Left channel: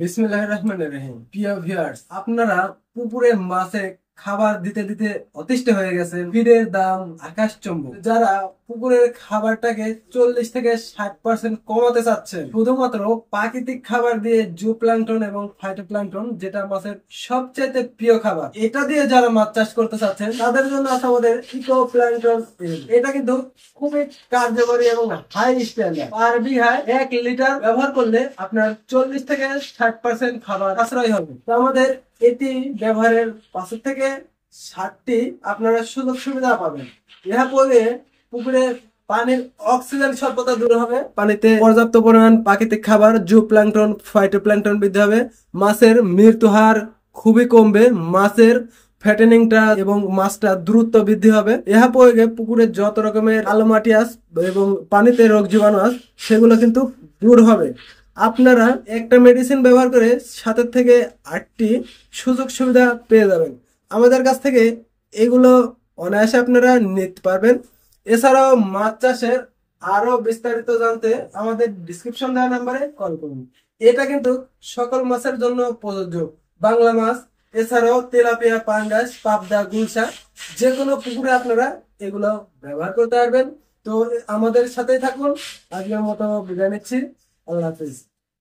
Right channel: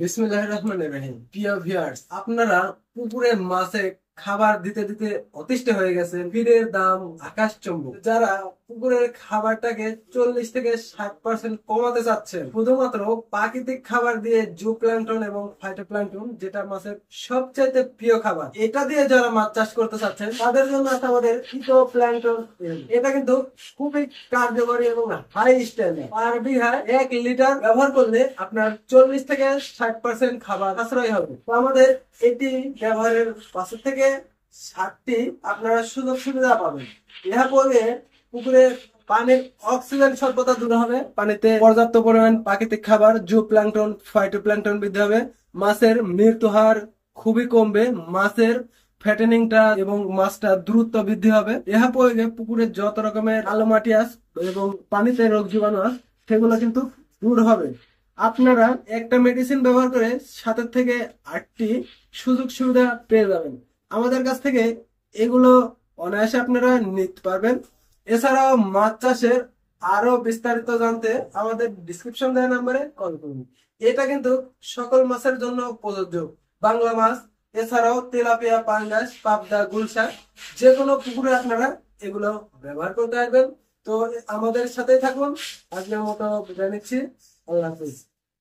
বিসমিল্লাহির রহমানির রহিম। প্রিয় ভিউয়ার্স, আপনারা পুকুরে মাছে খাবার দিতে দিতে অতিষ্ঠ হয়ে গেছেন। ফিডের দাম আকাশচুম্বী। যারা পুকুরের খাবারটাকে 40 থেকে 60% কমাতে চাচ্ছেন শুধুমাত্র প্রাকৃতিক খাবার দিয়ে, জু প্লাঙ্কটন এবং ফাইটোপ্লাঙ্কটন, যেটা মাছের সবচাইতে প্রিয় খাবার, এটা দিয়ে যারা মাছ চাষ করতে চাচ্ছেন তাদের জন্য আছে আমাদের ইকো প্লাঙ্কটন। এটা কিন্তু খুবই কার্যকরী এবং হাই স্ট্যান্ডার্ড। পার বিঘায় 1 লিটার ব্যবহার করলে আপনার 40 থেকে 60% খাবার সাশ্রয় হবে। তো আমাদের এটি ব্যবহারের 5 থেকে 60টি আপনারা সুযোগ সুবিধা পাবেন। ইহা করলে পুকুরের পানির অক্সিজেন স্বল্পতা দূর হবে, পানিতে পর্যাপ্ত পরিমাণ প্রাকৃতিক খাবার, জু প্লাঙ্কটন, ফাইটোপ্লাঙ্কটন বৃদ্ধি হবে, মাছের মৃত্যু হার খুবই কমবে, মাছের ফ্যাটেনিংটা এবং মাছটা দ্রুত বৃদ্ধি হবে। ইহা প্রয়োগে পুকুরের যত রকমের কালো মাটি আস এবং পানিতে রোগ জীবাণু আস সেগুলো কিন্তু দূর হবে। আপনারা একটা মেডিসিন ব্যবহার করে 7 থেকে 8টি সুযোগ সুবিধা পেয়ে যাবেন। আমাদের কাছ থেকে এগুলো অনায়াসে আপনারা নিতে পারবেন। এছাড়াও মাছ চাষের আরো বিস্তারিত জানতে আমাদের ডিসক্রিপশন দেওয়া নাম্বারে কল করুন। এটা কিন্তু সকল মাছের জন্য প্রযোজ্য। বাংলা মাছ এছাড়াও তেলাপিয়া, পাঙ্গাস, পাবদা, গুলশা, যে কোনো পুকুরে আপনারা এগুলো ব্যবহার করতে পারবেন। তো আমাদের সাথেই থাকুন। আজকের মতো বিদায় নিচ্ছি। আল্লাহ হাফিজ।